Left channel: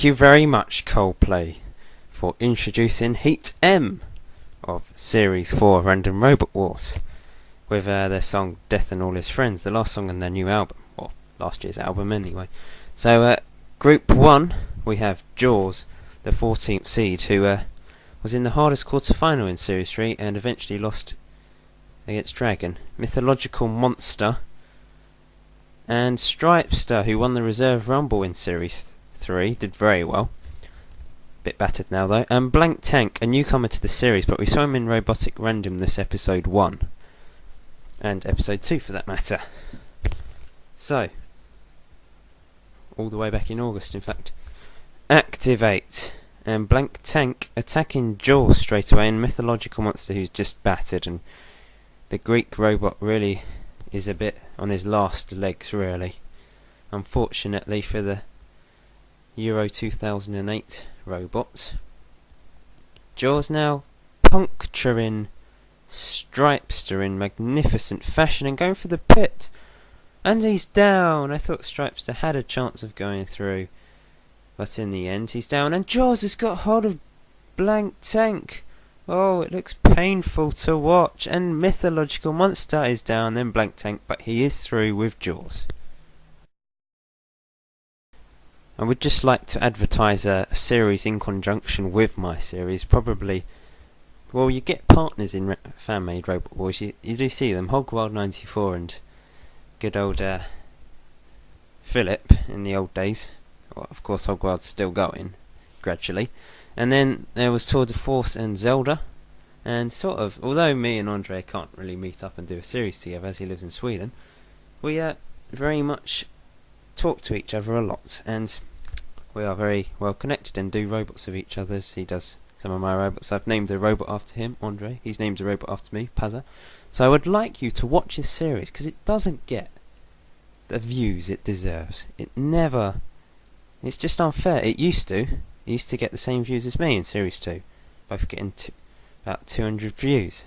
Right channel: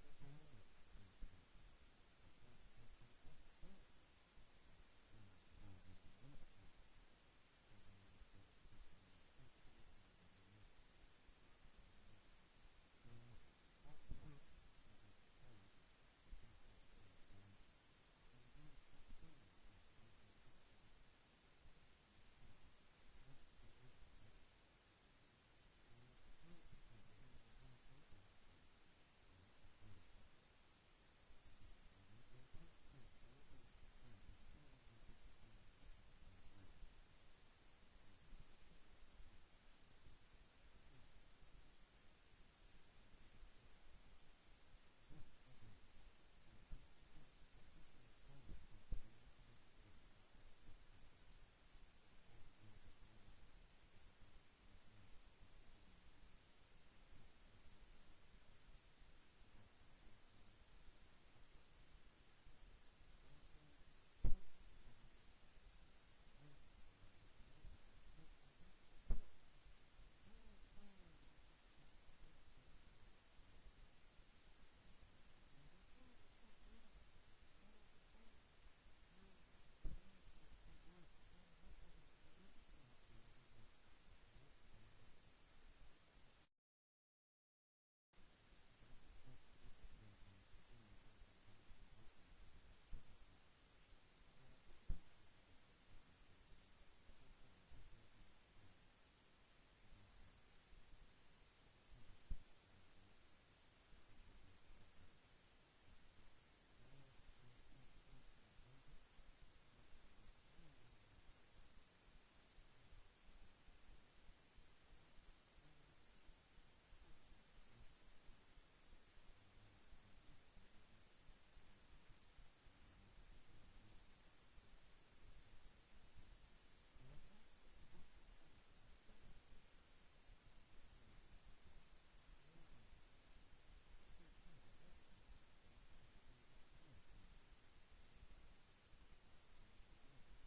Thank you very much, Coldplay, for introducing Heat M of Series 4 Random Robot Wars with their song Death and All His Friends, the last song on their new album, or last year's album anyway. So, Group 1, we have Jaws, the 14th seed, who was in the hardest quarter-final in Series 3 and eventually lost against Dragon. Mythological Monster and Stripester, who won the Reserve Rumble in Series 3, did very well. Bit battered now though. And Blank Tank, a newcomer to the series, but we saw him in Robotic Random this episode 1. And episode 2 for that matter. So, all the way back in August in fact. Activate. And Blank Tank attacking Jaws straight away, and Mythological Monster who's just battered, and the Greek robot really is a bit on his last legs really. Unfortunately for the Euro 2008 robot. Jaws now puncturing Stripester in magnificent fashion and going for the pit. And he's down. I thought Stripester had a chance of going through, but in the end he's down. And Jaws has got hold of Blank Tank. Oh, it looks painful to watch. And Mythological Monster is down, then Blank Tank, but he is through with Jaws. I would just like to advertise a series in conjunction with my series. Probably, well, you get partners in fan-made Robot Wars. You do see them, Hogwild94 and good old Philip in the old days. Well, of course, Hogwild's still going gradually. And then there was Tour de Force and Zelda. And sort of, although me and Andre can't really meet up and do a series together as he lives in Sweden, we very much talk to each other a lot, and we are very well connected and do robots of each other's. He does some of my robots. I've named a robot after him, Andre. He's named a robot after me, Pazza. So I would like you to watch this series, because it doesn't get the views it deserves. It's just unfair. It used to get the same views as me in Series 2, both getting about 200 views,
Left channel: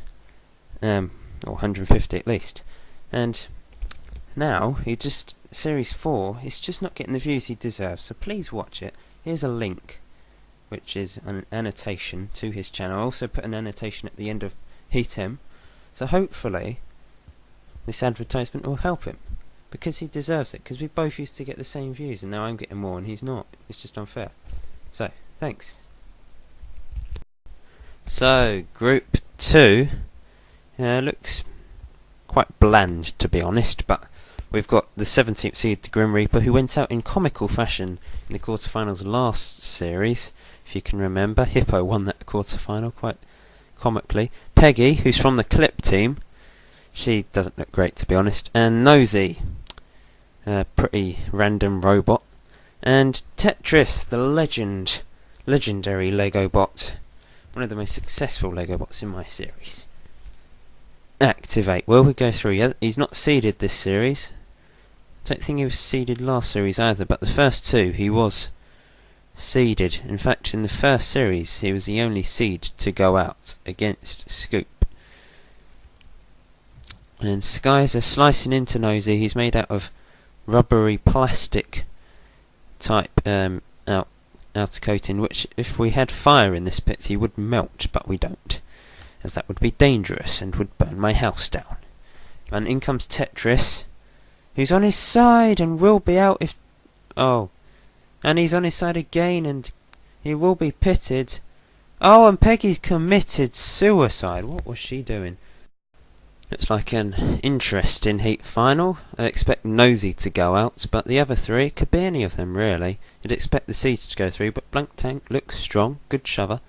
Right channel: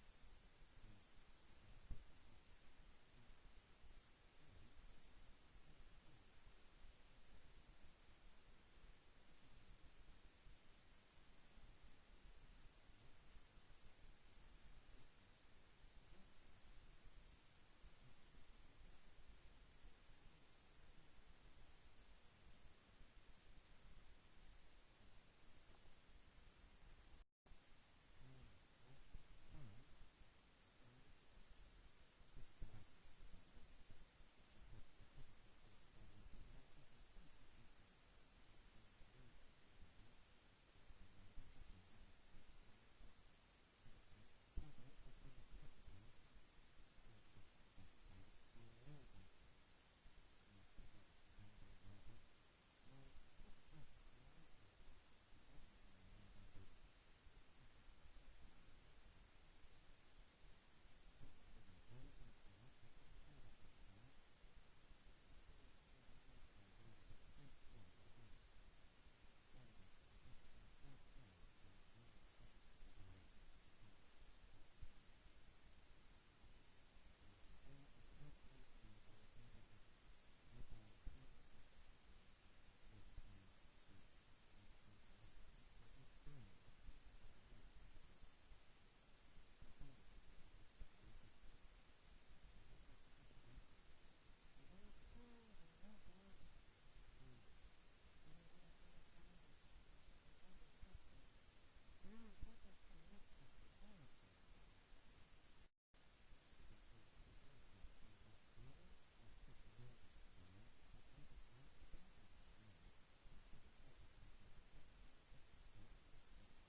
or 150 at least. And now, Series 4, it's just not getting the views he deserves, so please watch it. Here's a link, which is an annotation to his channel. I also put an annotation at the end of Heat M, so hopefully this advertisement will help him, because he deserves it, because we both used to get the same views, and now I'm getting more and he's not. It's just unfair. So, thanks. So, Group 2 looks quite bland, to be honest, but we've got the 17th seed, the Grim Reaper, who went out in comical fashion in the quarterfinals last series, if you can remember. Hippo won that quarterfinal quite comically. Peggy, who's from the Clip team, she doesn't look great, to be honest. And Nosy, a pretty random robot. And Tetris, the legendary Lego bot, one of the most successful Lego bots in my series. Activate. Well, we go through. He's not seeded this series. Don't think he was seeded last series either, but the first two he was seeded. In fact, in the first series he was the only seed to go out against Scoop. And Skies are slicing into Nosy. He's made out of rubbery plastic type outer coating, which if we had fire in this pit he would melt, but we don't, as that would be dangerous and would burn my house down. And in comes Tetris, who's on his side and will be out if... Oh. And he's on his side again and he will be pitted. Oh, and Peggy's committed suicide. What was she doing? Looks like an interesting heat final. I expect Nosy to go out, but the other three, it could be any of them really. You'd expect the seeds to go through, but Blank Tank looks strong, good shover.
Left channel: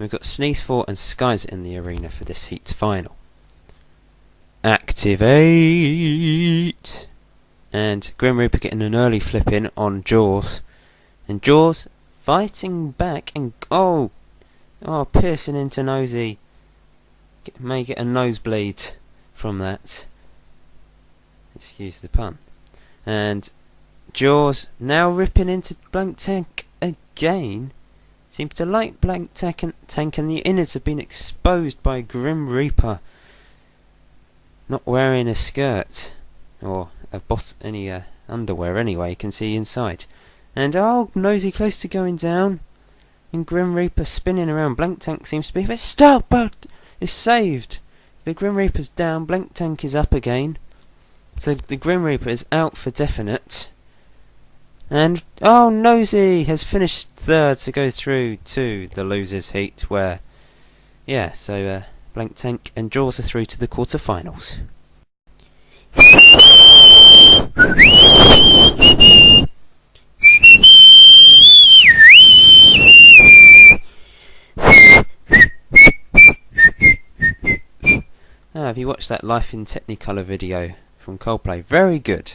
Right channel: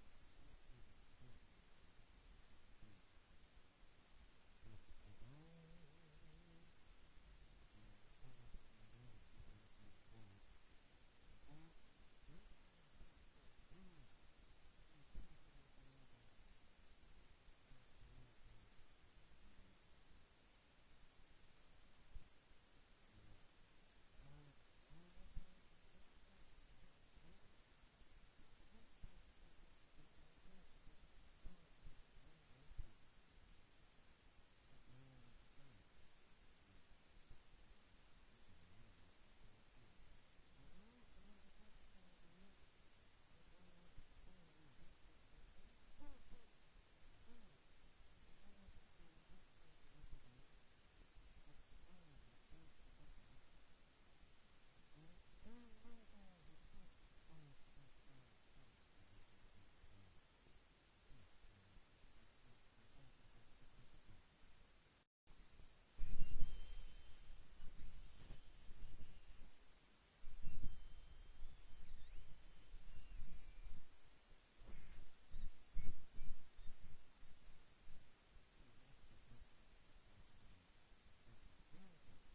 We've got Sneeze 4 and Skies in the arena for this heat final. Activate! And Grim Reaper getting an early flip in on Jaws. And Jaws fighting back and... Oh, piercing into Nosy. May get a nosebleed from that. Excuse the pun. And Jaws now ripping into Blank Tank again. Seems to like Blank Tank, and the innards have been exposed by Grim Reaper. Not wearing a skirt or any underwear anyway, you can see inside. And oh, Nosy close to going down. And Grim Reaper spinning around. Blank Tank seems to be a bit stuck, but it's saved. The Grim Reaper's down. Blank Tank is up again. So the Grim Reaper is out for definite. And oh, Nosy has finished third, so goes through to the losers heat where, yeah, so Blank Tank and Jaws are through to the quarterfinals. Have you watched that Life in Technicolor video from Coldplay? Very good.